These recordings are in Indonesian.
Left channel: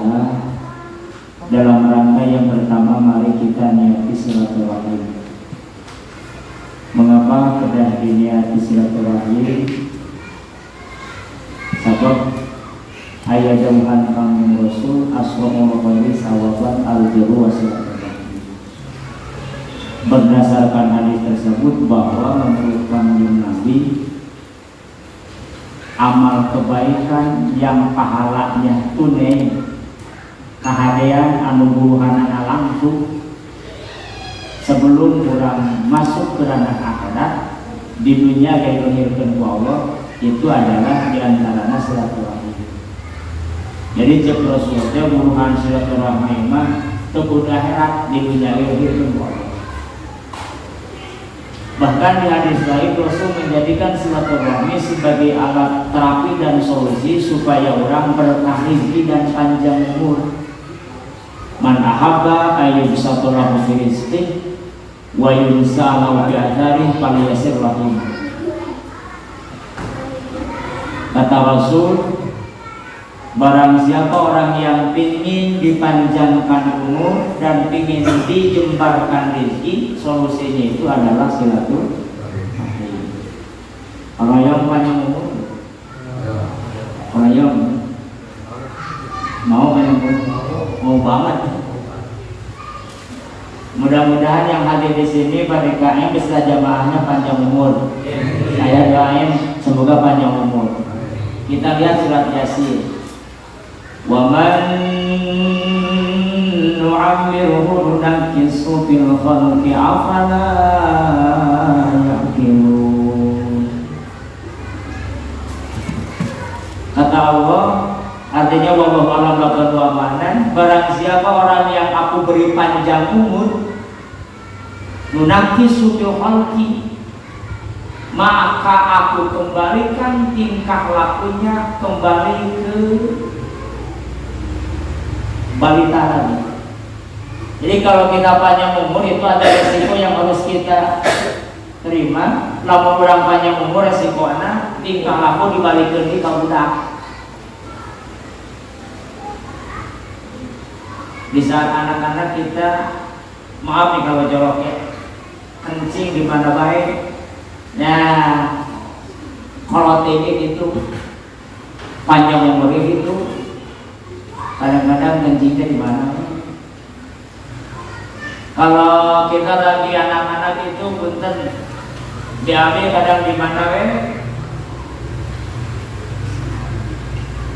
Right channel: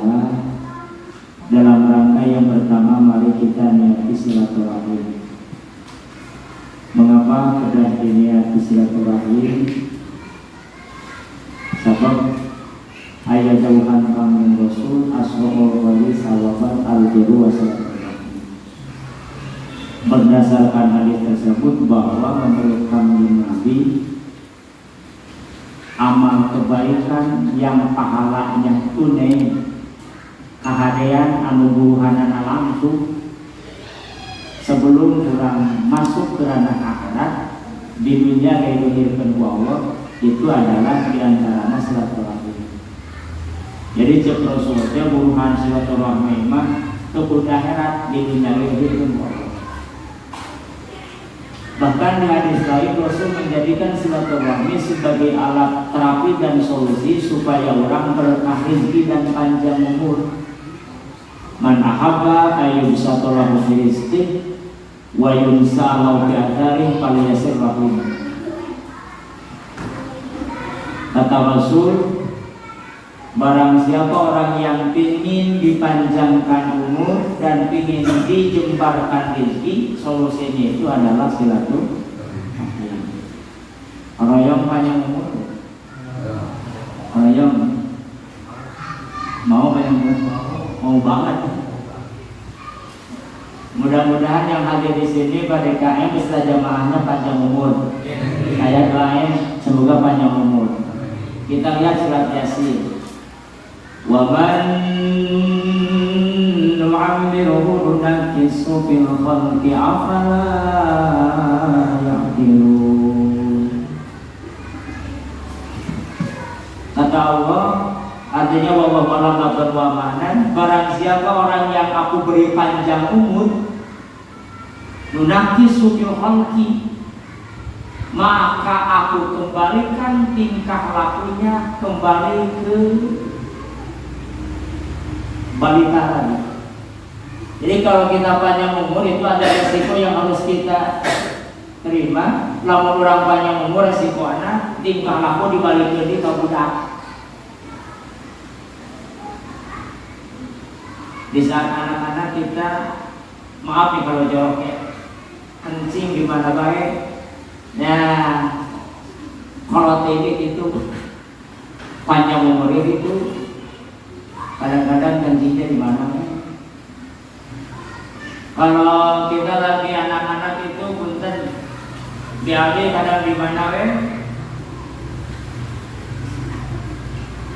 ta'ala, dalam rangka yang pertama mari kita niati silaturahim. Mengapa kedah diniati silaturahim? Sebab ayat jauhan kami Rasul asra'ul wali sawaban al-biru wa silaturahim. Berdasarkan hadis tersebut bahwa menurut kami Nabi, amal kebaikan yang pahalanya tunai kahadean anu buruhanana langsung sebelum orang masuk ke ranah akhirat di dunia gaya dilahirkan ku Allah, itu adalah diantaranya silaturahmi. Jadi cek Rasulnya buruhan silaturahmi mah teu akhirat di dunia gaya dilahirkan ku Allah. Bahkan di hadis lain Rasul menjadikan silaturahmi sebagai alat terapi dan solusi supaya orang berkah rezeki dan panjang umur. Man ahabba ayyubsatalahu fi rizqih wa yunsalahu fi atharih falyasir rahim. Kata Rasul, barang siapa orang yang ingin dipanjangkan umur dan ingin dijembarkan rezeki, solusinya itu adalah silaturahmi. Orang yang panjang umur, orang yang mau panjang umur, mau banget. Mudah-mudahan yang hadir di sini pada KM beserta jamaahnya panjang umur. Saya doain semoga panjang umur. Kita lihat surat Yasin. Wa man nu'ammiruhu nunakkishu fil khalqi afala ya'qilun. Kata Allah, artinya wallahu a'lam bishawab, barang siapa orang yang aku beri panjang umur, nunakkishu fil khalqi, maka aku kembalikan tingkah lakunya kembali ke balita lagi. Jadi kalau kita panjang umur itu ada resiko yang harus kita terima. Lamun orang panjang umur resikonya tingkah laku dibalikkan di budak. Di saat anak-anak kita, maaf nih kalau jorok ya, kencing di mana baik. Nah, kalau ini itu panjang umurnya itu kadang-kadang kencingnya di mana? Kalau kita lagi anak-anak itu punten diambil kadang di mana?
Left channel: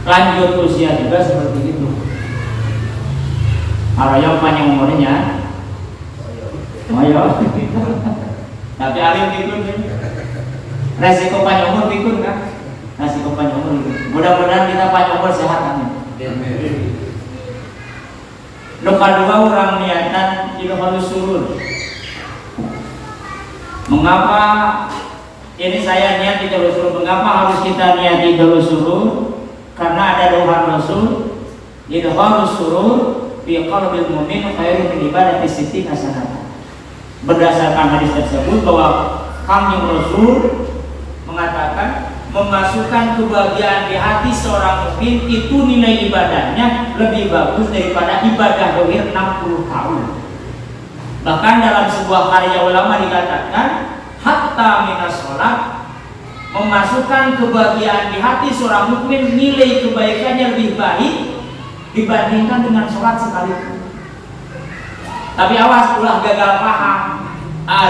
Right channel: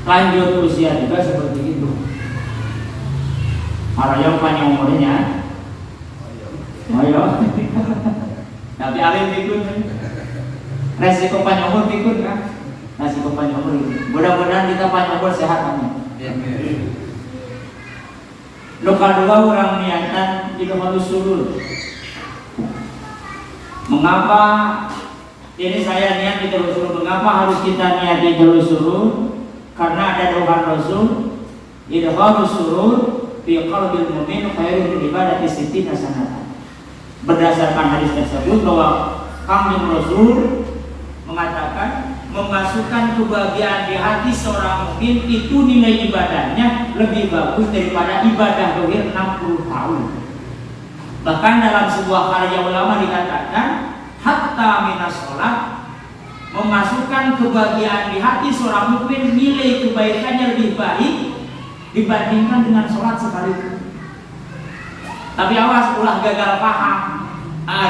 Lanjut usia juga seperti itu. Kalau yang panjang umurnya, ayo. Tapi alim pikun, resiko panjang umur pikun kan? Resiko panjang umur itu. Mudah-mudahan kita panjang umur sehat kan? Lokal dua orang niatan itu harus surur. Mengapa ini saya niat di jalur surur? Mengapa harus kita niat di jalur surur? Karena ada doa Rasul, itu harus surur fi qalbil mu'min khairun min ibadati sittina sanatan. Berdasarkan hadis tersebut bahwa Kanjeng Rasul mengatakan memasukkan kebahagiaan di hati seorang mukmin itu nilai ibadahnya lebih bagus daripada ibadah dohir 60 tahun. Bahkan dalam sebuah karya ulama dikatakan hatta minas sholat, memasukkan kebahagiaan di hati seorang mukmin nilai kebaikannya lebih baik dibandingkan dengan sholat sekalipun. Tapi awas ulah gagal paham.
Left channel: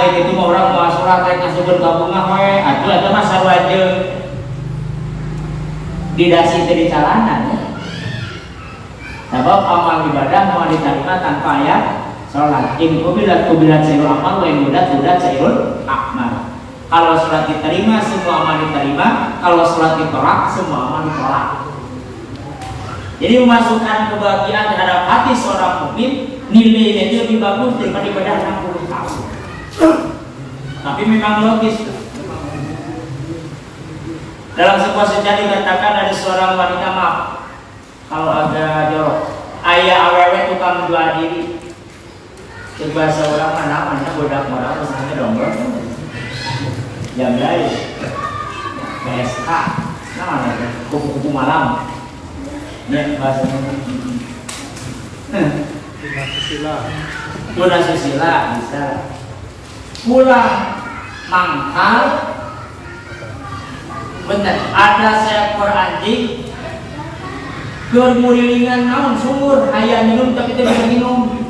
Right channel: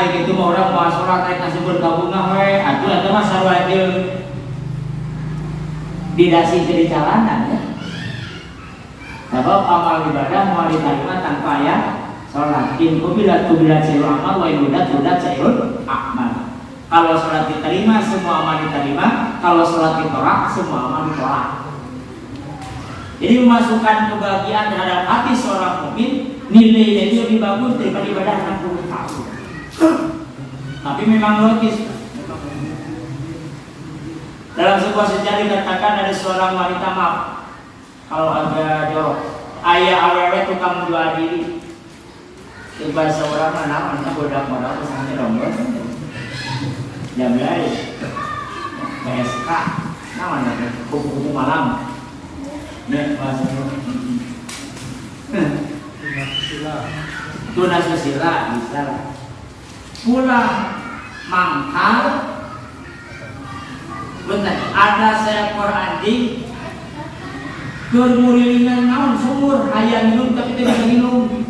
Itu mau orang mau sholat kayak ngasih gabungan we, atuh eta mah sarwajeng didasi dari jalanan. Sebab amal ibadah mau diterima tanpa ayat sholat. In kubilat sayul amal, wa in kubilat sayul amal. Kalau sholat diterima, semua amal diterima. Kalau sholat ditolak, semua amal ditolak. Jadi memasukkan kebahagiaan terhadap hati seorang mukmin nilainya itu lebih bagus daripada ibadah 60 tahun. Tapi memang logis. Dalam sebuah sejarah dikatakan ada seorang wanita, maaf kalau agak jorok, ayah awewe tukang jual diri. Coba seorang anak bodak modal pesannya dongger jam jahit PSK, nah kupu-kupu malam. Ini bahasanya tuna susila bisa. Pulang mangkal, bener ada seekor anjing kermurilingan naon sumur hayang minum tapi tidak bisa minum.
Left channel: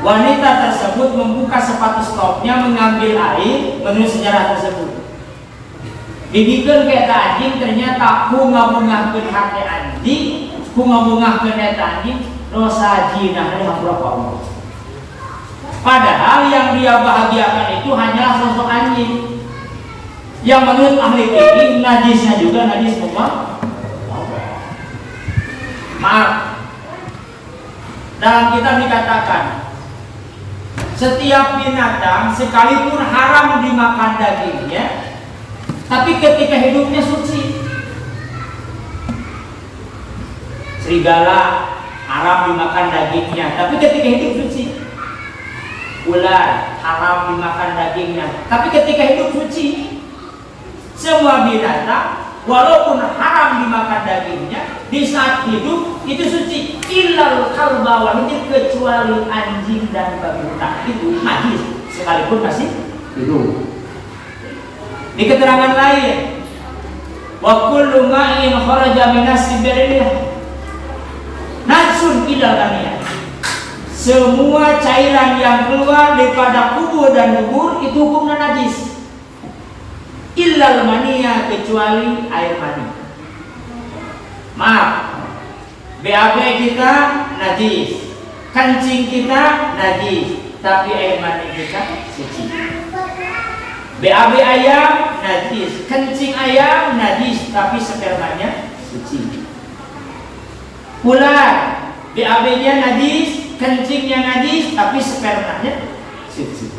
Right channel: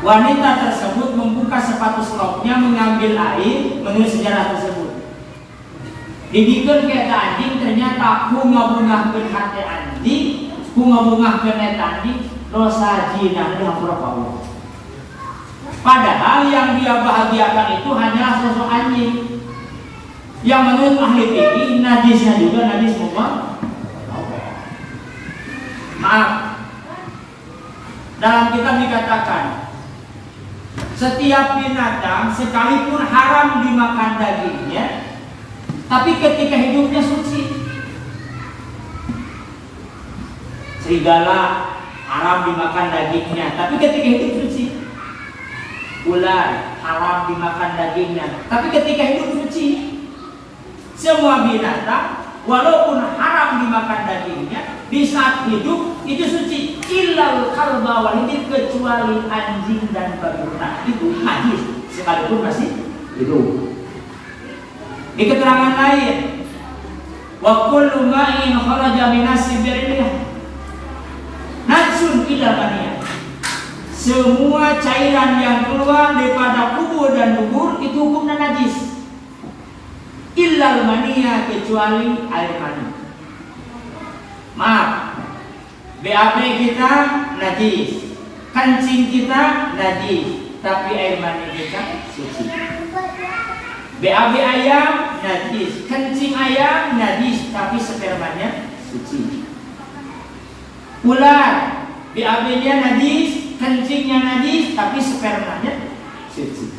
Wanita tersebut membuka sepatu stopnya mengambil air menurut sejarah tersebut. Dibikin kata anjing ternyata ku ngabungahkeun hati anjing, ku ngabungahkeun eta anjing dosa jinah dari Allah. Padahal yang dia bahagiakan itu hanyalah sosok anjing. Yang menurut ahli fikih najisnya juga najis semua. Maaf. Dalam kitab dikatakan setiap binatang sekalipun haram dimakan dagingnya, tapi ketika hidupnya suci. Serigala haram dimakan dagingnya, tapi ketika hidup suci. Ular haram dimakan dagingnya, tapi ketika hidup suci. Semua binatang walaupun haram dimakan dagingnya, di saat hidup itu suci. Illal kalba wahidin, kecuali anjing dan babi hutan itu najis sekalipun masih hidup. Di keterangan lain, wa kullu ma'in kharaja minas sibiriyah najsun ilal aniyah. Semua cairan yang keluar daripada kubur dan dubur itu hukumnya najis. Illal maniyah, kecuali air mani. Maaf, BAB kita najis, kencing kita najis, tapi air mani kita suci. BAB ayam najis, kencing ayam najis, tapi spermanya suci. Ular, BAB-nya najis, kencingnya najis, tapi spermanya suci.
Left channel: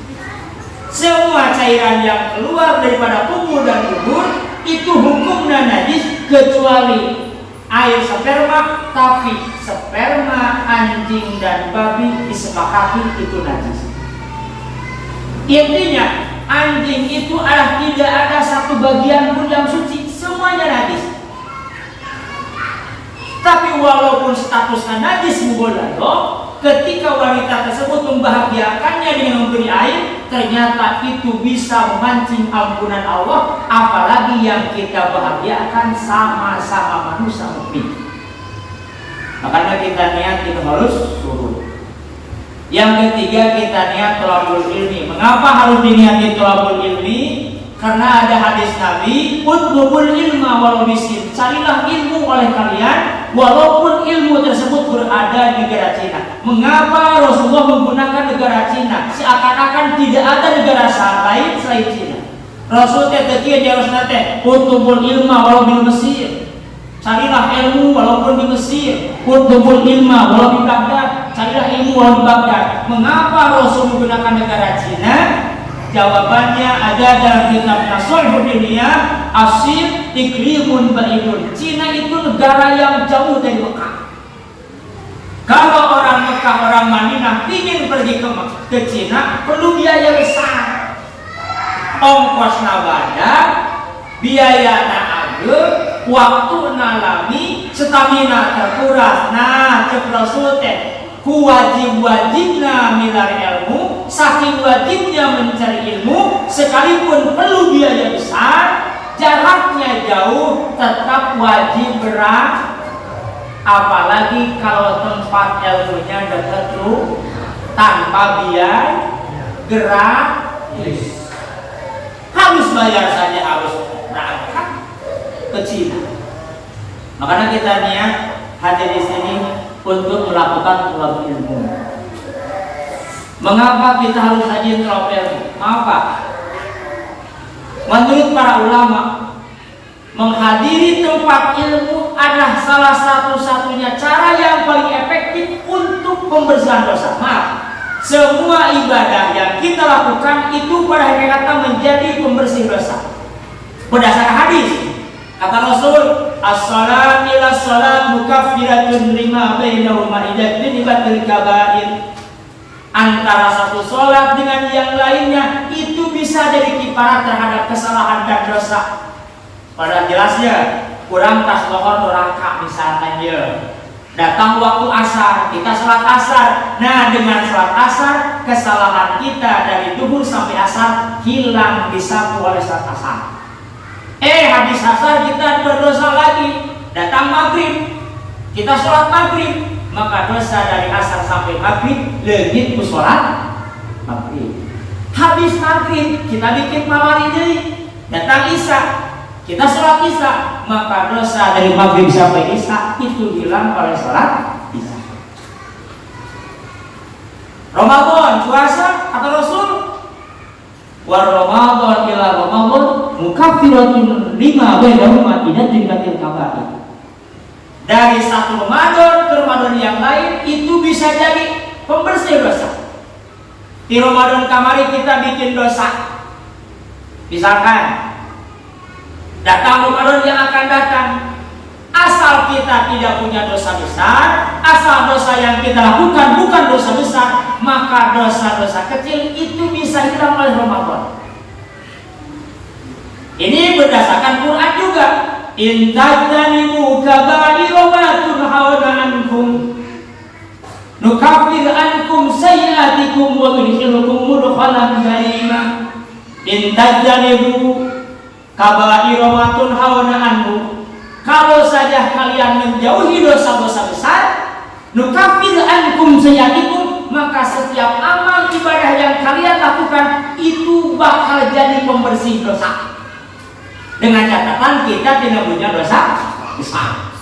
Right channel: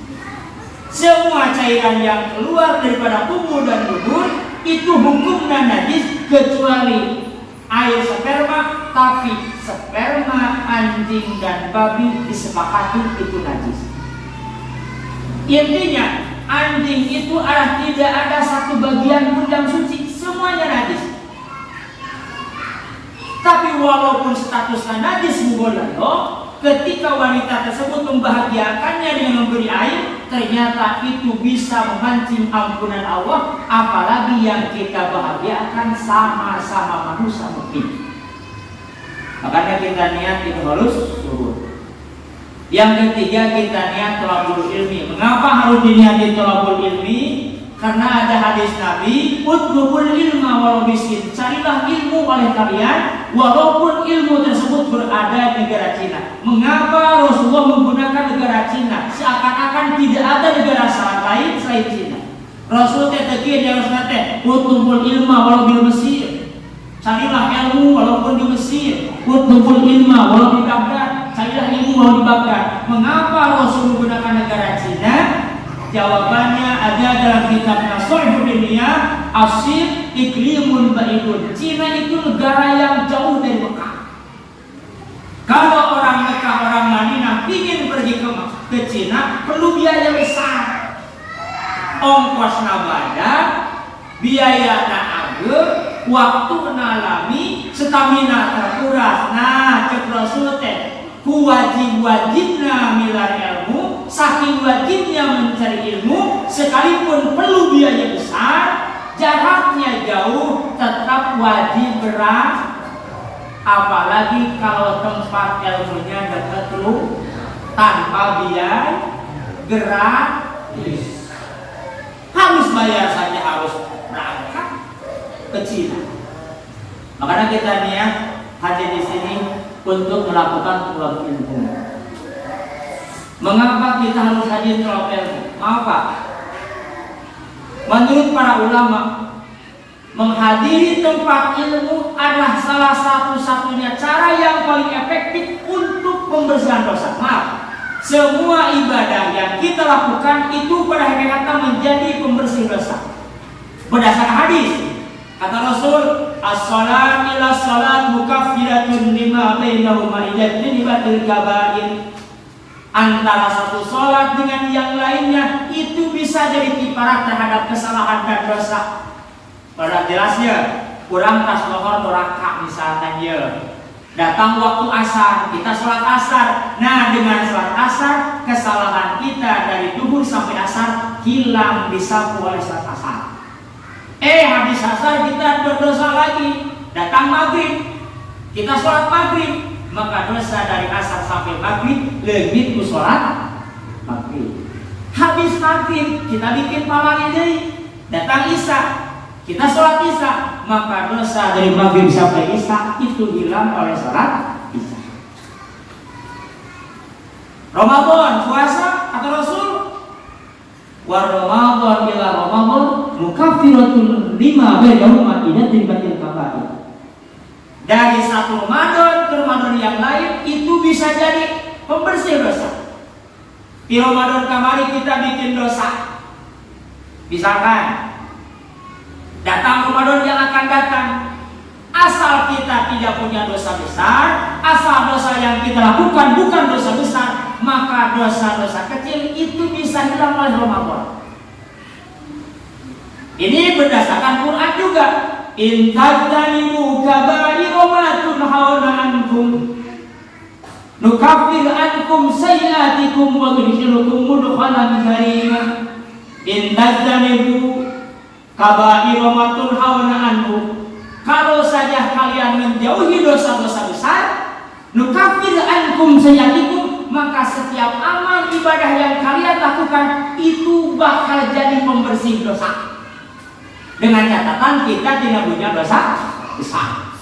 Semua cairan yang keluar daripada kubur dan dubur itu hukumnya najis, kecuali air sperma, tapi sperma anjing dan babi disepakati itu najis. Intinya anjing itu adalah tidak ada satu bagian pun yang suci, semuanya najis. Tapi walaupun statusnya najis mughalladh, ketika wanita tersebut membahagiakannya dengan memberi air, ternyata itu bisa memancing ampunan Allah, apalagi yang kita bahagiakan sama-sama manusia mukmin. Makanya kita niat kita harus surut. Yang ketiga kita niat thalabul ilmi. Mengapa harus diniati thalabul ilmi? Karena ada hadis Nabi, utlubul ilma walau bisin, carilah ilmu oleh kalian walaupun ilmu tersebut berada di negara Cina. Mengapa Rasulullah menggunakan negara Cina? Seakan-akan tidak ada negara lain selain Cina. Rasul tetapi dia harus nate, utlubul ilma walau di Mesir, carilah ilmu walaupun di Mesir. Utlubul ilma walau di Baghdad, carilah ilmu walau di Baghdad. Mengapa Rasul menggunakan negara Cina? Jawabannya ada dalam kitab Nashorul Dunia, Asir iklimun ba'idun. Cina itu negara yang jauh dari Mekah. Kalau orang Mekah, orang Madinah ingin pergi ke Cina, perlu biaya besar. Ongkos nabada, biaya na'agur, waktu nalami, stamina terkuras. Nah, cek Rasul teh, ku wajib-wajibna milar ilmu, saking wajibnya mencari ilmu, sekalipun perlu biaya besar, jaraknya jauh, tetap wajib berat. Apalagi kalau tempat ilmunya dekat lu, tanpa biaya gratis. Harus bayar saja, harus berangkat ke Cina. Makanya kita niat hadir di sini untuk melakukan thalabul ilmu. Mengapa kita harus hadir thalabul ilmu? Mengapa? Menurut para ulama, menghadiri tempat ilmu adalah salah satu-satunya cara yang paling efektif untuk pembersihan dosa. Maaf, semua ibadah yang kita lakukan itu pada hakikatnya menjadi pembersih dosa. Berdasarkan hadis, kata Rasul, as-salat ila salat mukaffiratun lima bainahuma idza tunibatil kabair. Antara satu salat dengan yang lainnya itu bisa jadi kifarat terhadap kesalahan dan dosa. Pada jelasnya kurang tas lohor doraka misalkan ya. Datang waktu asar, kita sholat asar. Nah, dengan sholat asar, kesalahan kita dari duhur sampai asar hilang, disapu oleh sholat asar. Habis asar kita berdosa lagi. Datang maghrib, kita sholat maghrib, maka dosa dari asar sampai maghrib leungit ku sholat maghrib. Habis maghrib kita bikin pamali deui. Datang isya, kita sholat isya, maka dosa dari maghrib sampai isya itu hilang oleh sholat isya. Ramadan, puasa kata Rasul, war Ramadan ila Ramadan mukaffiratun lima bainahuma idza tinbatil kabair. Dari satu Ramadan ke Ramadan yang lain itu bisa jadi pembersih dosa. Di Ramadan kemarin kita bikin dosa, misalkan datang Ramadan yang akan datang, asal kita tidak punya dosa besar, asal dosa yang kita lakukan bukan dosa besar, maka dosa-dosa kecil itu bisa hilang oleh Ramadan. Ini berdasarkan Quran juga. In tajtanibu kaba'ira ma tunhauna ankum nukaffir ankum sayyi'atikum wa nudkhilukum mudkhalan karima. In tajtanibu kaba'ira ma tunhauna ankum, kalau saja kalian menjauhi dosa-dosa besar, nukaffir ankum sayyi'atikum, maka setiap amal ibadah yang kalian lakukan itu bakal jadi pembersih dosa. Dengan catatan kita tidak punya dosa besar.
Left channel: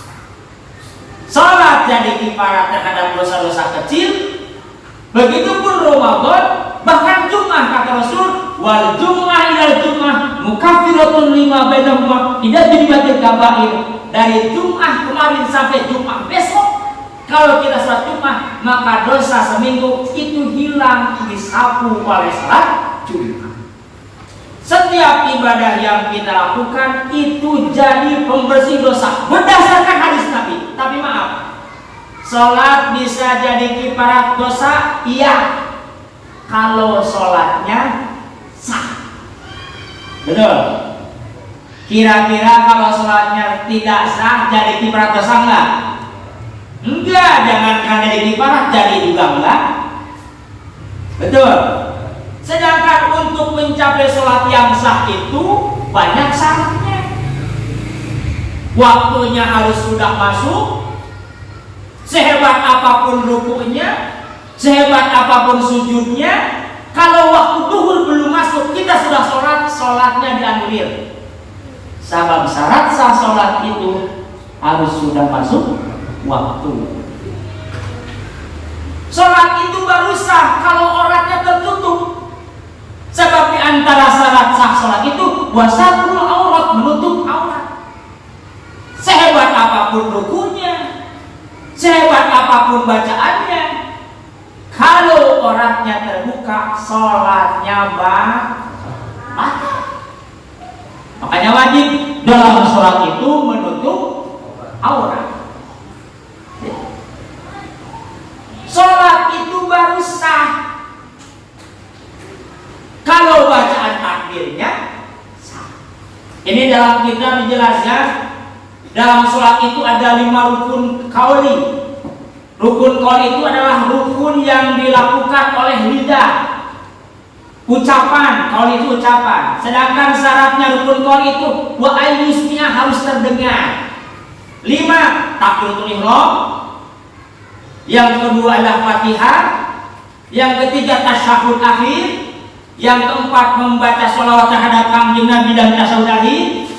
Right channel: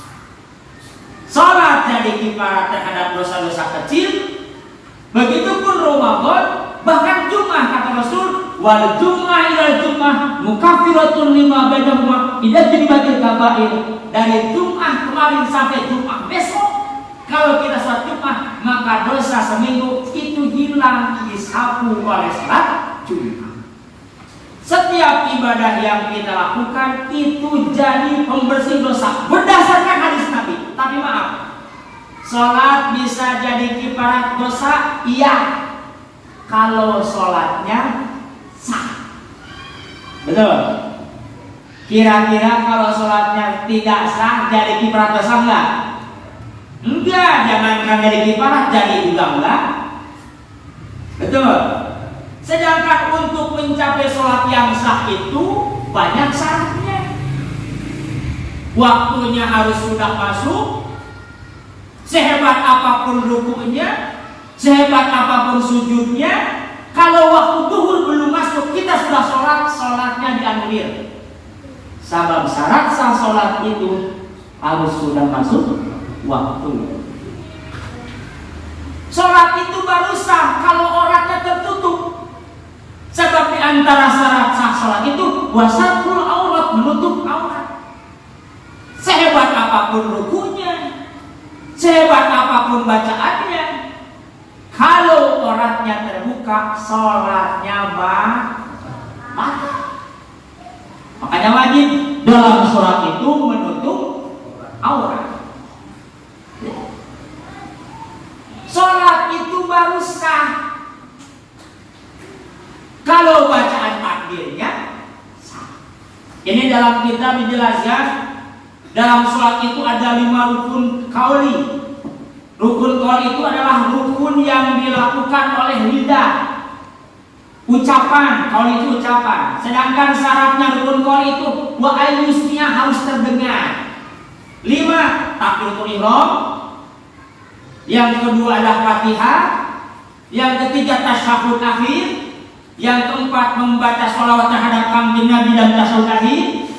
Salat jadi kifarat terhadap dosa-dosa kecil. Begitupun Ramadan, bahkan Jumat kata Rasul, wal jum'ah ilal jum'ah mukaffiratun lima bainahuma idza tinbatil kabair. Dari Jumat kemarin sampai Jumat besok, kalau kita salat Jumat, maka dosa seminggu itu hilang, disapu oleh salat Jumat. Setiap ibadah yang kita lakukan itu jadi pembersih dosa berdasarkan hadis Nabi. Tapi maaf, sholat bisa jadi kifarat dosa, iya, kalau sholatnya sah. Betul. Kira-kira kalau sholatnya tidak sah jadi kifarat dosa enggak? Enggak, jangankan jadi kifarat, jadi juga enggak. Betul. Sedangkan untuk mencapai sholat yang sah itu banyak syaratnya. Waktunya harus sudah masuk, sehebat apapun rukunya, sehebat apapun sujudnya. Kalau waktu duhur belum masuk, kita sudah sholat, sholatnya dianulir. Sebab syarat sah sholat itu harus sudah masuk waktu. Sholat itu baru sah kalau auratnya tertutup. Sebab di antara syarat sah sholat itu wasatul aurat, menutup aurat. Sehebat apapun rukunya, sehebat apapun bacaannya, kalau auratnya terbuka, sholatnya batal. Makanya wajib dalam sholat itu menutup aurat. Sholat itu baru sah kalau bacaan takbirnya sah. Ini dalam kitab dijelaskan, dalam sholat itu ada 5 rukun qauli. Rukun qauli itu adalah rukun yang dilakukan oleh lidah, ucapan. Qauli itu ucapan. Sedangkan syaratnya rukun qauli itu wa ayyusnya harus terdengar. 5 takbiratul ihram. Yang kedua adalah Fatihah. Yang ketiga tasyahud akhir. Yang keempat membaca sholawat terhadap kanjeng Nabi dan tasyahud akhir.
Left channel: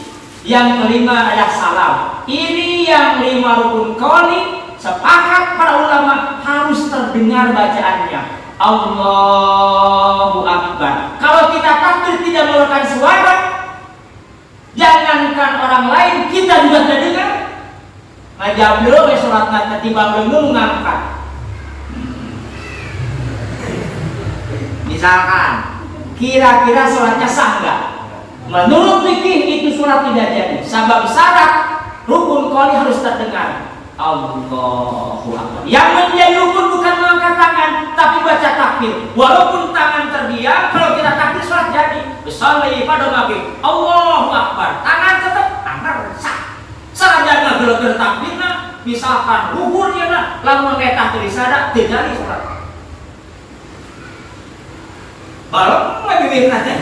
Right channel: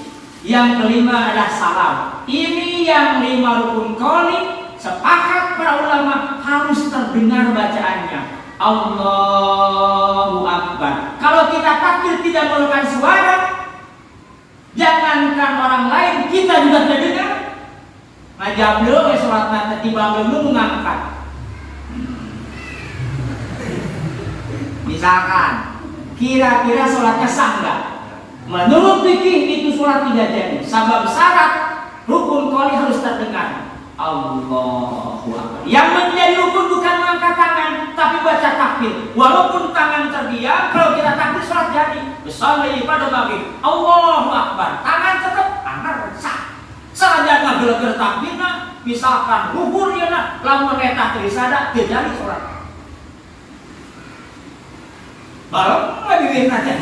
Yang kelima adalah salam. Ini yang 5 rukun qauli, sepakat para ulama harus terdengar bacaannya. Allahu Akbar. Kalau kita takbir tidak mengeluarkan suara, jangankan orang lain, kita juga terdengar. Ngajak dulu ya sholatnya ketimbang belum ngangkat. Misalkan kira-kira sholatnya sah enggak? Menurut fikih itu sholat tidak jadi. Sebab syarat rukun qauli harus terdengar. Allahu Akbar. Yang menjadi rukun bukan mengangkat tangan, tapi baca takbir. Walaupun tangan terdiam, kalau kita takbir sholat jadi. Besali pada maghrib. Allahu Akbar. Tangan tetap anggar sah. Saja nggak gelar takbirna, misalkan luhur ya nak, lamun eta teu disada teu jadi salat. Balem mah bibirna teh.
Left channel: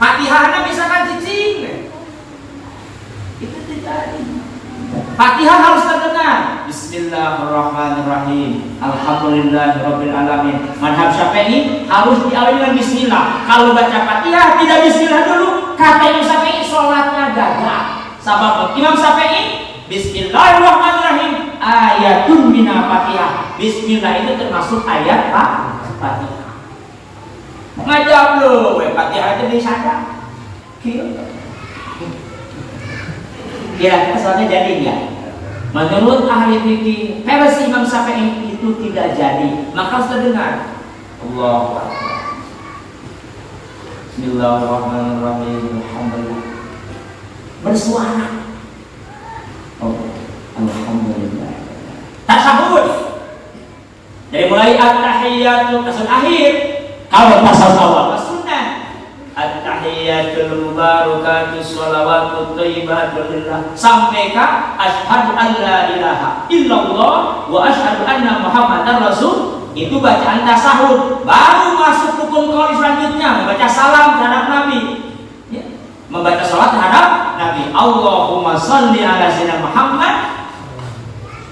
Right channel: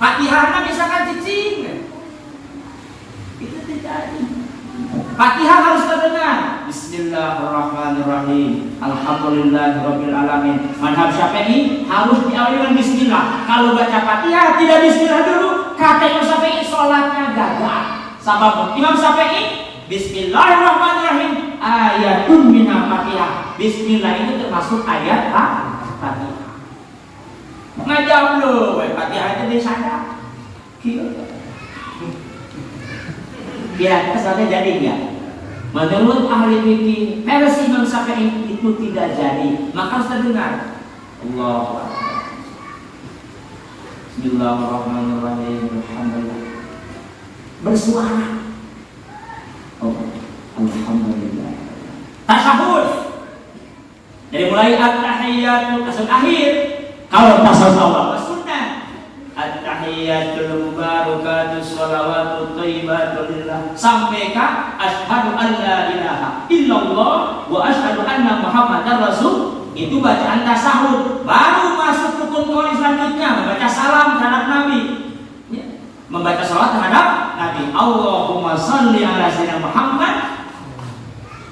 Fatihahna misalkan cicing. Itu tidak. Fatihah harus terdengar. Bismillahirrahmanirrahim. Alhamdulillahirabbil alamin. Mazhab Syafi'i harus diawali dengan bismillah. Kalau baca Fatihah tidak bismillah dulu, kata Imam Syafi'i salatnya gagal. Sabab Imam Syafi'i Bismillahirrahmanirrahim ayatun minal Fatihah. Bismillah itu termasuk ayat Fatihah. Ngajab lu, Fatihah itu bisa ada. Kira-kira soalnya jadi ya. Menurut ahli fikih versi Imam Syafi'i itu tidak jadi. Maka harus terdengar Allahu Akbar. Bismillahirrahmanirrahim. Alhamdulillah. Bersuara. Oh, alhamdulillah. Tasyahud. Dari mulai at-tahiyyatu kesan akhir. Kalau tasawuf awal sunnah. At-tahiyyatul mubarakatus shalawatut thayyibatun lillah sampai ke asyhadu an la ilaha illallah wa asyhadu anna muhammadar rasul. Itu bacaan tasyahud. Baru masuk rukun qauli selanjutnya membaca salam terhadap Nabi. Ya. Membaca salat terhadap Nabi. Allahumma shalli ala sayyidina Muhammad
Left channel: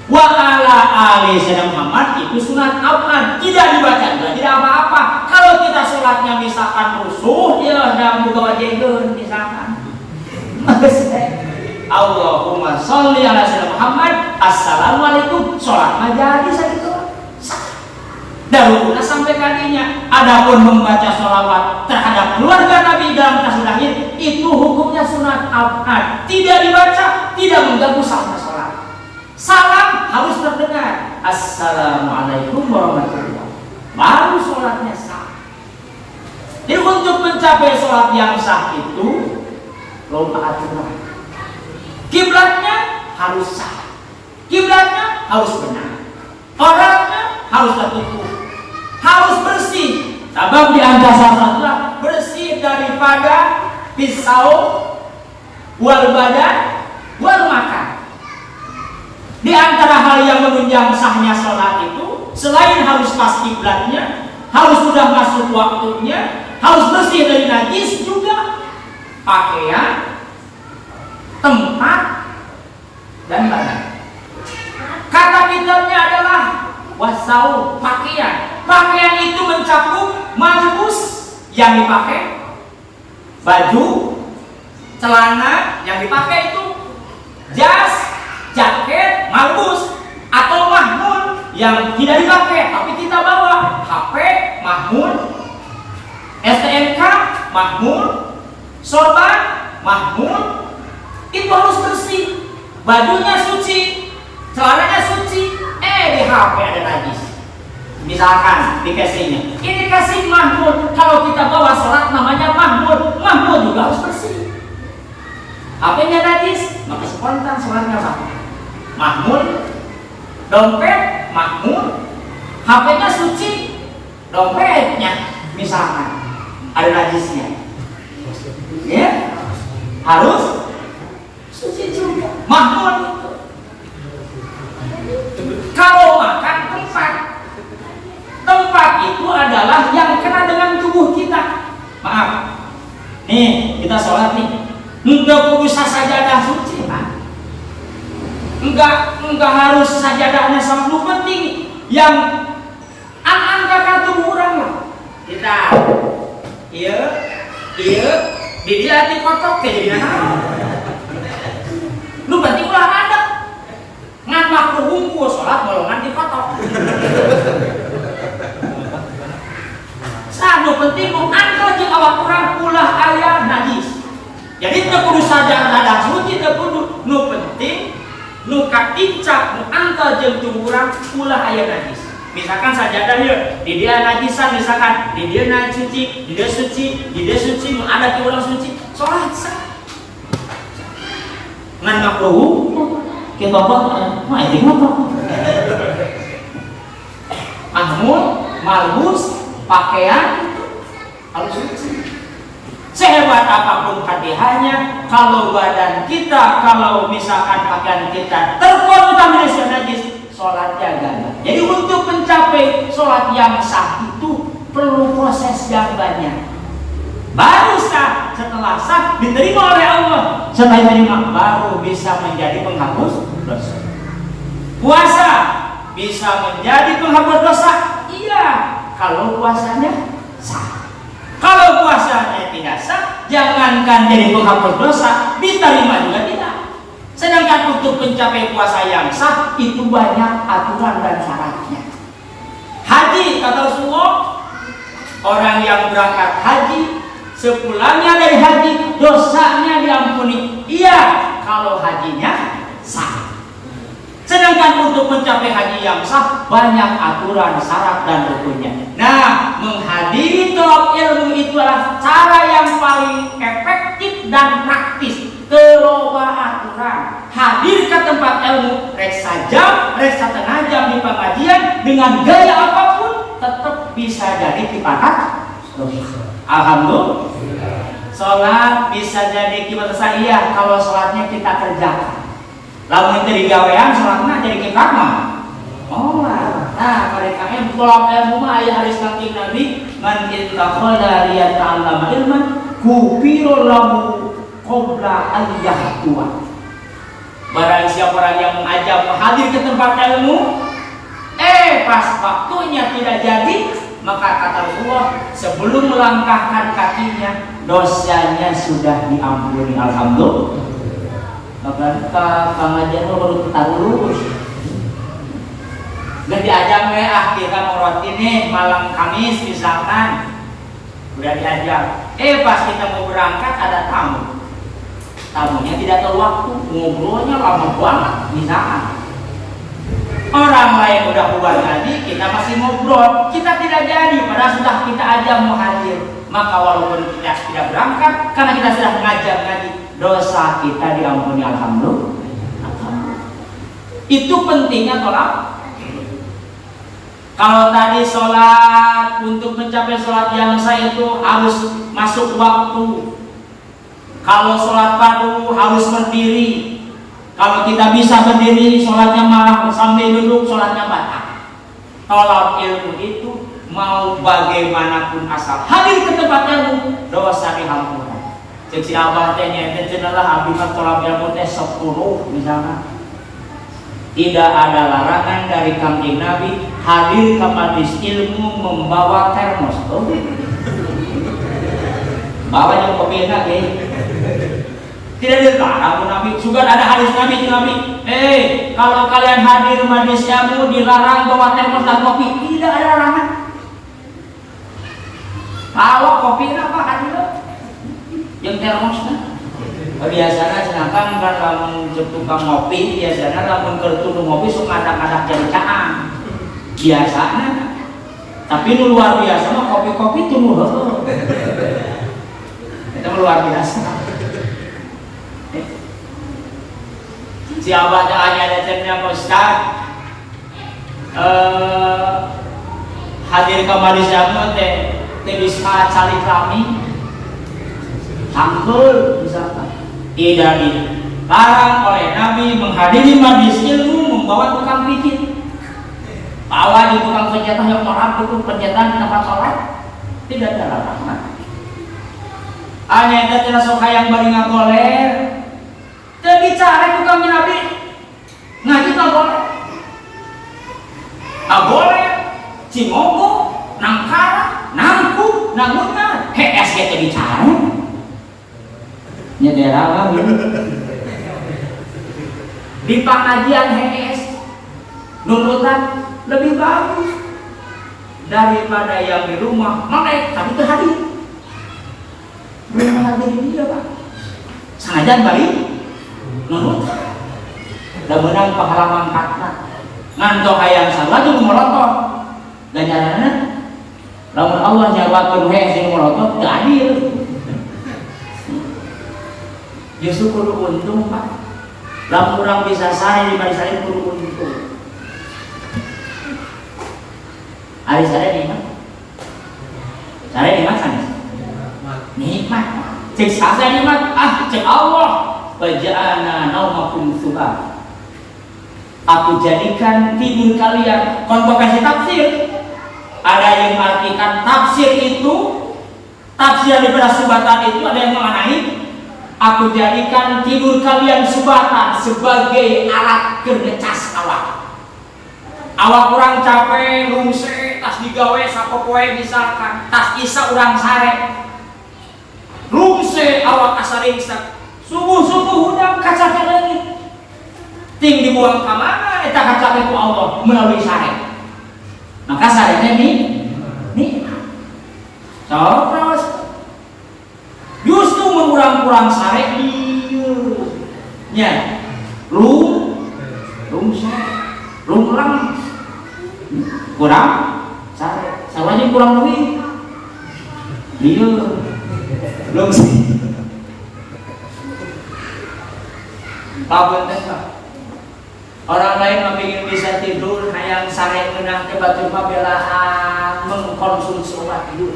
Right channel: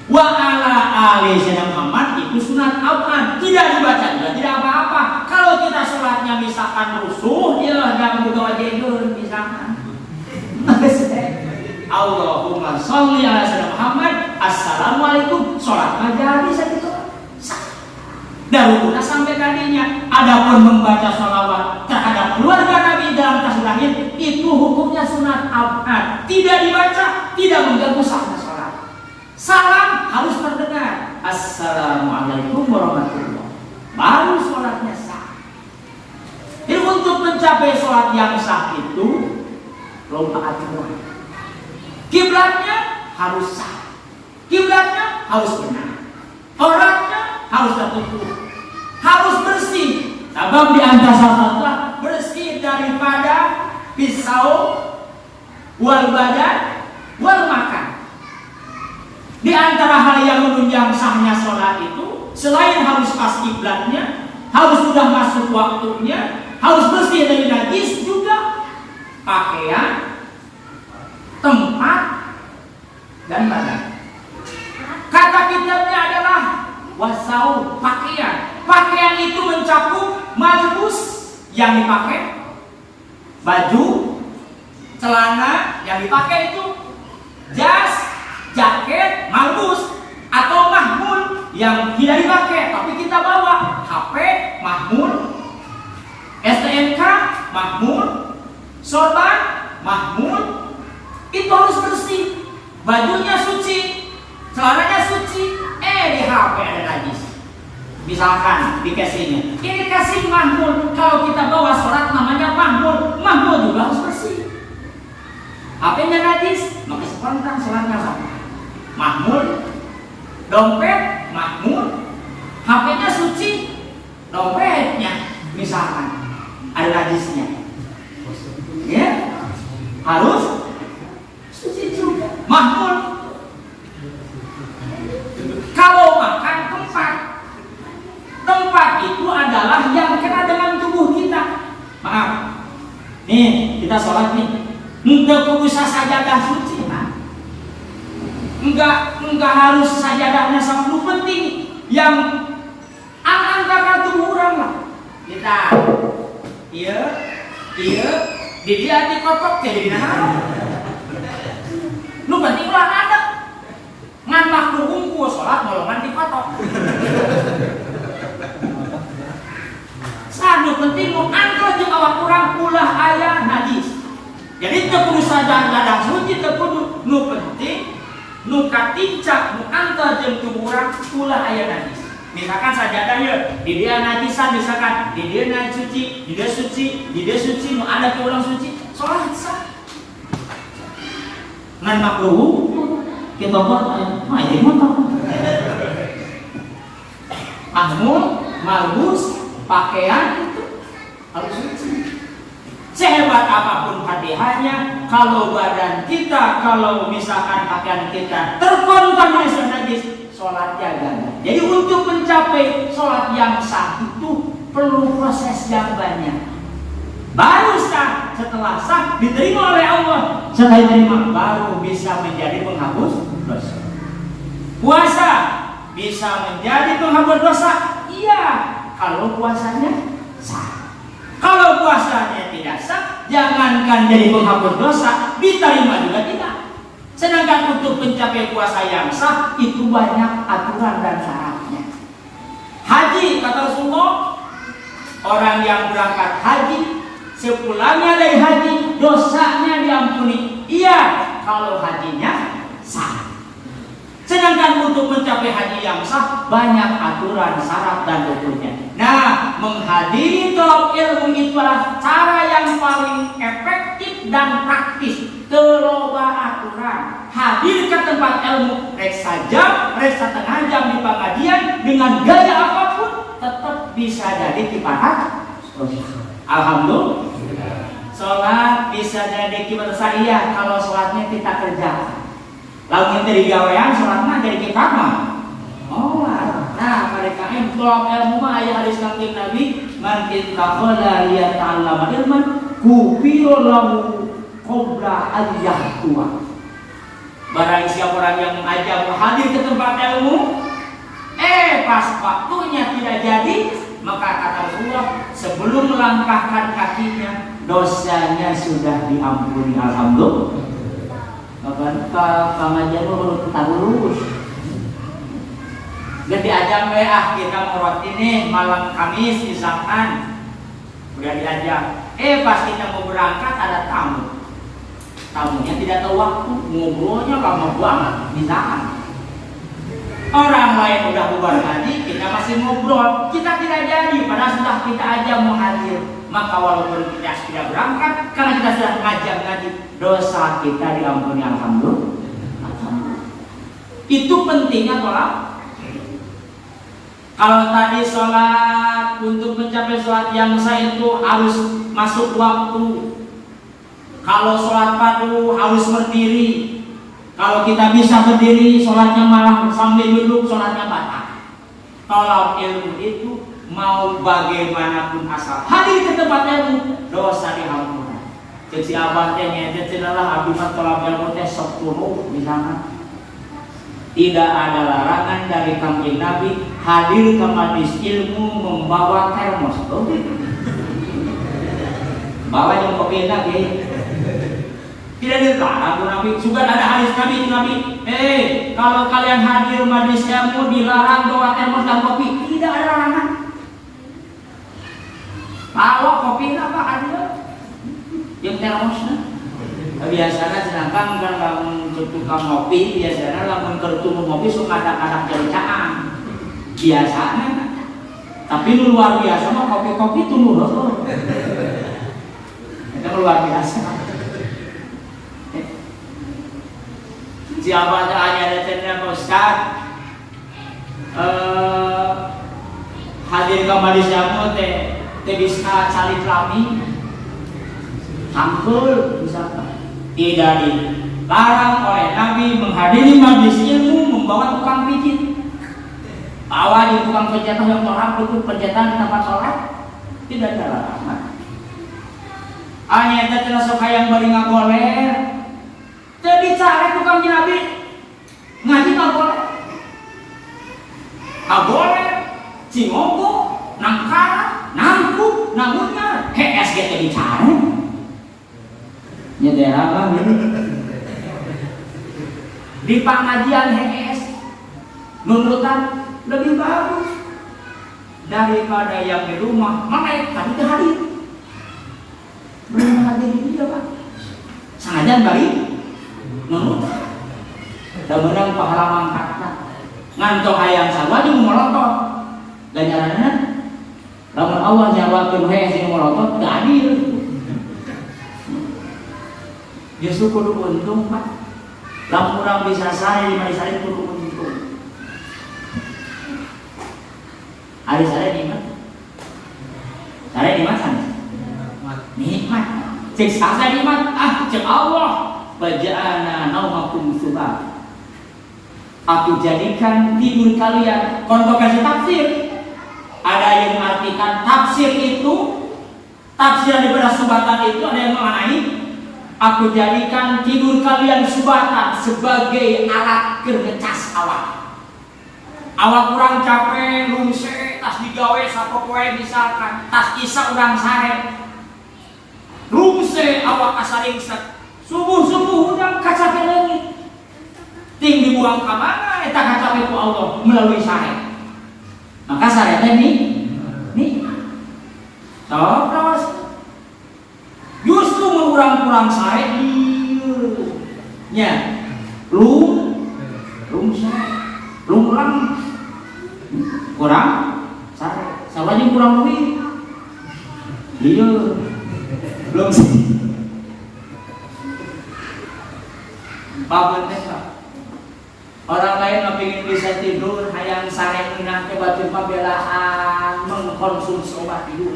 wa ala ali sayyidina Muhammad. Itu sunat awal, tidak dibaca juga tidak apa-apa. Kalau kita sholatnya misalkan rusuh, ya dalam buka wajeun misalkan. Allahumma sholli ala sayyidina Muhammad. Assalamualaikum. Sholat mah jadi sakitu. Darukuna sampai kadinya. Adapun membaca sholawat terhadap keluarga Nabi dalam tasawuf akhir itu hukumnya sunat awal, tidak dibaca, tidak mengganggu sahnya sholat. Salam harus terdengar. Assalamualaikum warahmatullahi wabarakatuh. Baru sholatnya sah. Jadi untuk mencapai sholat yang sah itu rokaatnya, kiblatnya harus sah, kiblatnya harus benar, orangnya harus tertutup, harus bersih. Sebab di antara satu bersih daripada pisau, wal badan, wal makan. Di antara hal yang menunjang sahnya sholat itu, selain harus pas kiblatnya, harus sudah masuk waktunya, harus bersih dari najis, juga pakaian, tempat, dan badan. Kata kitabnya adalah wasau, pakaian. Pakaian itu mencakup malbus yang dipakai, baju, celana yang dipakai itu, jas, jaket, malbus, atau mahmud yang tidak dipakai tapi kita bawa, HP, mahmud, STNK, mahmud, sorban, mahmud. Itu harus bersih, bajunya suci, celananya suci. Di HP ada najis, misalkan di casingnya, ini casing mahmud. Kalau kita bawa sholat namanya mahmud, mahmud juga harus bersih. HP-nya najis, maka spontan sholatnya sama. Mahmud, dompet, mahmud, HP-nya suci, dompetnya misalkan ada najisnya, ya harus suci juga. Mahmud. Kalau makan tempat itu adalah yang kena dengan tubuh kita. Maaf, nih kita sholat nih, enggak usah sajadah suci, Pak. Enggak harus sajadahnya sampai penting. Yang angka tubuh orang lah. Kita, iya, di dia dikotok kayak gini. Lu berarti ulah ada. Ngan waktu hungku sholat golongan dikotok. Sanu penting mengangkat jeung awak kurang ulah aya najis. Jadi teu kudu saja dadang suci, teu kudu, nu penting nu katincak nu angkat jeung tubuh urang ulah aya najis. Misalkan sajadah ye di dia najisan, misalkan di dia najis suci, di dia suci, nu ada ke urang suci, sholat sah. Ngan makruh kita buat mah itu mah mahmud, malbus, pakaian harus suci. Sehebat apapun Fatihahnya, kalau badan kita, kalau misalkan pakaian kita terkontaminasi najis, sholatnya gagal. Jadi untuk mencapai sholat yang sah itu perlu proses yang banyak. Baru sah, setelah sah diterima oleh Allah. Setelah diterima baru bisa menjadi penghapus dosa. Puasa bisa menjadi penghapus dosa, iya, kalau puasanya sah. Kalau puasanya tidak sah, jangankan jadi penghapus dosa, diterima juga tidak. Sedangkan untuk mencapai puasa yang sah itu banyak aturan dan syaratnya. Haji kata Rasulullah, orang yang berangkat haji sepulangnya dari haji dosanya diampuni. Iya, kalau hajinya sah. Sedangkan untuk mencapai haji yang sah banyak aturan, syarat dan rukunnya. Nah, menghadiri tolak ilmu itu adalah cara yang paling efektif dan praktis. Keloba aturan, hadir ke tempat ilmu, reksa jam, reksa setengah jam di pengajian dengan gaya apapun tetap bisa jadi kifarat. Alhamdulillah. Sholat bisa jadi kifarat saya kalau sholatnya kita kerjakan. Lalu kita digawean sholatnya jadi kifarat mah. Oh, nah mereka yang tolak ilmu mah ayat hadis kanjeng Nabi, man ittakhadha liyata'allama ilman kufira lahu qabla ayyahtuwa. Barang siapa orang yang mengajak hadir ke tempat ilmu, pas waktunya tidak jadi, maka kata Rasulullah sebelum melangkahkan kakinya dosanya sudah diampuni. Alhamdulillah. Maka pengajian menurut kita lurus. Udah diajak akhirnya mau ini malam Kamis misalkan, udah diajak. Pas kita mau berangkat ada tamu. Tamunya tidak tahu waktu, ngobrolnya lama banget misalkan. Orang lain udah bubar ngaji, kita masih ngobrol, kita tidak jadi, padahal sudah kita aja mau hadir. Maka walaupun kita tidak berangkat, karena kita sudah ngajak ngaji, dosa kita diampuni. Alhamdulillah. Itu pentingnya tolak. Kalau tadi sholat, untuk mencapai sholat yang sah itu harus masuk waktu. Kalau sholat fardu harus berdiri. Kalau kita bisa berdiri, sholatnya malah sambil duduk, sholatnya batal. Tolak ilmu itu mau bagaimanapun asal hadir ke tempat ilmu, dosa diampuni. Cek abah teh nyete cenah abdi mah tolak ilmu teh sok kuno misalnya. Tidak ada larangan dari kanjeng Nabi hadir ke majelis ilmu membawa termos. Bawa yang kopi lagi. Tidak dilarang Nabi. Juga ada hadis Nabi. Kalau kalian hadir majelis ilmu dilarang bawa termos dan kopi. Tidak ada larangan. Bawa kopi apa hadir? Yang termosnya. Biasanya sedangkan lamun tukang ngopi, biasanya lamun kertu ngopi suka ada jarikaan. Biasanya. Tapi nu luar biasa mah kopi-kopi tuh heuh. Itu luar biasa. Siapa yang ada cenah Ustaz? Hadir ke majelis ilmu teh bisa cari kami. Angkul misalkan. Tidak dilarang oleh Nabi menghadiri majelis ilmu membawa tukang pijit. Bawa di tukang pencetak yang orang itu pencetak di tempat sholat. Tidak ada larangan. Hanya tidak sok yang bari ngagoler. Jadi cara tukang Nabi ngaji nggak boleh. Nggak boleh. Cingogo, nangkara, nangku, nangungan. SG jadi cara. Nyedera kan di pengajian HS nurutan lebih bagus daripada yang di rumah. Makanya tadi hadir belum hadir dia Pak sengaja balik nurutan dan menang pahala mangkatna ngantok hayang salah juga melotot ganjarannya lamun Allah jawabkan HS yang melotot gak hadir. Justru kudu untung Pak. Lamun urang bisa sare di majelis saleh kudu untung. Ari sare di mana? Sare di mana? Nikmat. Cek asa nikmat, cek Allah. Waja'ana naumakum subah. Aku jadikan tidur kalian. Kontok kasih tafsir. Ada yang mengartikan tafsir itu, tafsir daripada subatan itu ada yang mengenai aku jadikan tidur kalian subatan sebagai alat kercas awak. Awak kurang capek, lungse, tas digawe sapopoe misalkan, tas isa urang sare. Lungse awak asaring subuh udang kaca ke langit. Ting dibuang ke mana? Eta kaca ku Allah melalui sare. Maka sare ini terus justru mengurang-kurang sare nya lung kurang sare salahnya kurang lebih dia belum sih Pak orang lain ingin bisa tidur hayang sare ngeunah tiba-tiba belahan mengkonsumsi obat tidur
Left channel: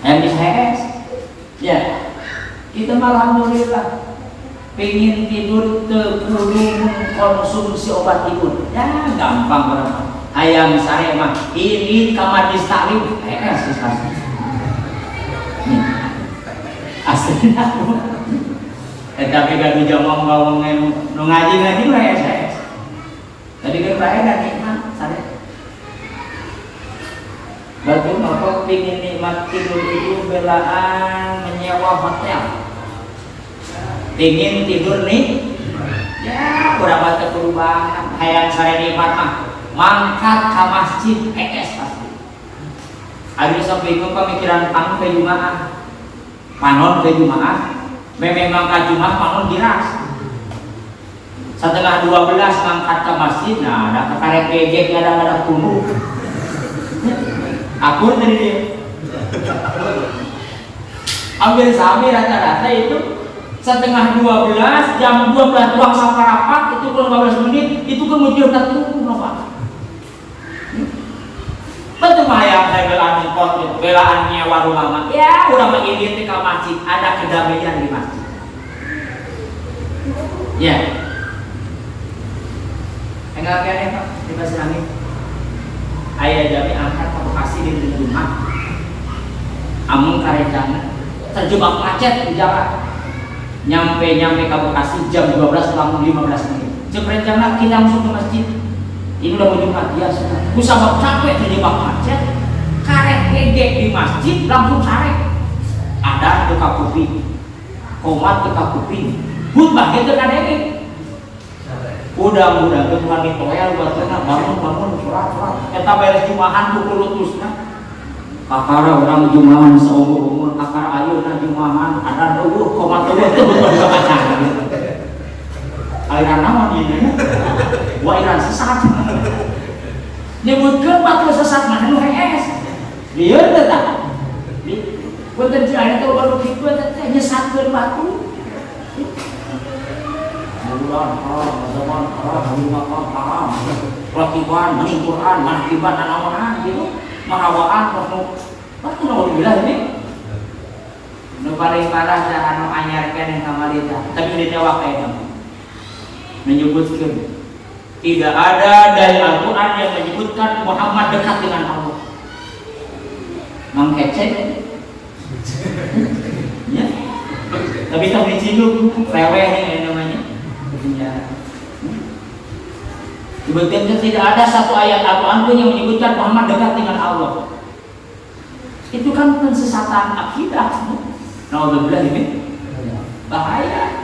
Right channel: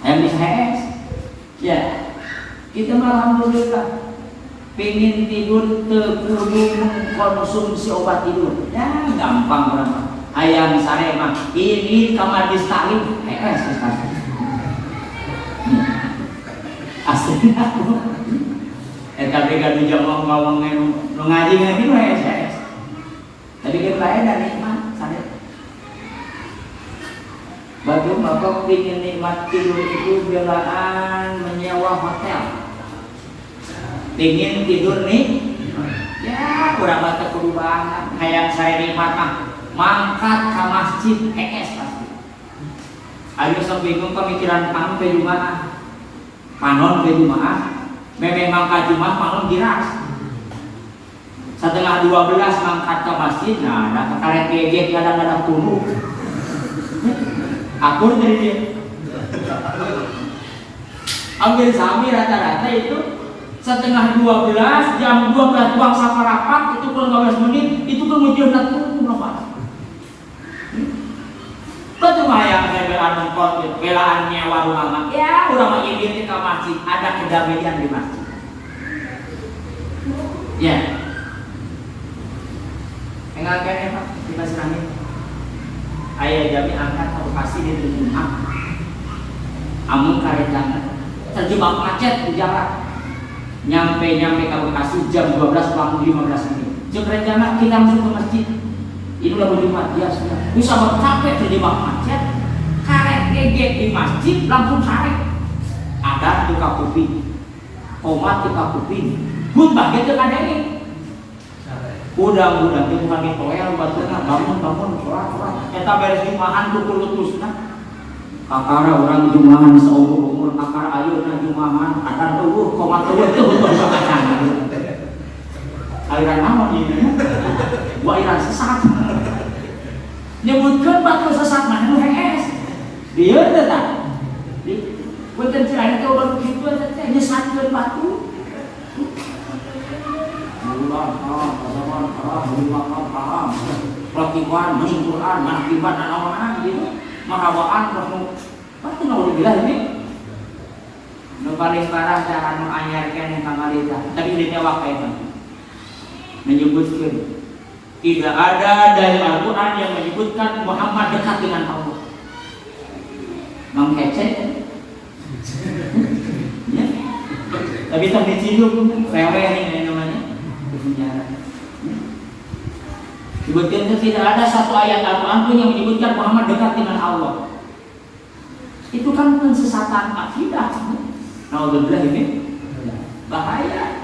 yang bisa ya kita malah alhamdulillah pengen tidur kudu mengkonsumsi obat tidur ya gampang orang hayang sare mah ini kamadis taklim asli tapi gak dijawab ngomongnya ngaji lah ya saya. Tadi kan baik dan nikmat sare. Batu bapak pingin nikmat tidur itu belaan menyewa hotel. Pingin tidur nih, ya kurang banget kudu banget. Hayang sare nikmat mah mangkat ke masjid pasti. Ada sok bingung pemikiran kamu ke Jumaah, panon ke Jumaah. Memang kajumah bangun giras setengah 12 ngangkat ke masjid nah ada kekaret pegek kadang-kadang tunggu akur dari dia ambil sami rata-rata itu setengah 12 jam 12 tuang saparapat itu kalau 15 menit itu kemudian tertunggu apa betul ya saya belaannya warung lama ya udah ini ke masjid ada kedamaian di masjid ya enggak kayaknya Pak di Pasir Angin ayah jami angkat ke Bekasi di rumah amun karejana terjebak macet di jalan nyampe ke Bekasi jam 12 kurang 15 menit cek rencana kita masuk ke masjid ini udah mau Jumat ya sudah. Bisa capek terjebak macet, karet gegek di masjid langsung sare. Ada di kuping, komat di kuping, but bagian ke kadenge. Udah kebukan di toyal buat bangun surat. Kita beres jumahan pukul lutusna. Kakara orang jumahan seumur kakara ayo na jumahan ada komat itu betul bacaan. Aliran naon ini? Wairan sesat. Nyebutkeun batu sesat mah anu hees. Bieu teh tah. Punten aya teh baru kitu teh nyesatkeun batu. Bulan haram, zaman haram, lima haram. Lakiwan, maning Quran, manakiban anaonan gitu. Marawaan penuh. Batu mau dibilang ini. Nu paling parah teh anu anyar keneh kamarita. Tapi di tewak eta. Menyebutkan tidak ada dari Al-Quran yang menyebutkan Muhammad dekat dengan Allah. Mengkecek ya. Tapi tak diciduk reweh ini namanya berbicara. Sebetulnya tidak ada satu ayat Al-Quran pun yang menyebutkan Muhammad dekat dengan Allah. Itu kan pensesatan akidah. Naudzubillah ini bahaya.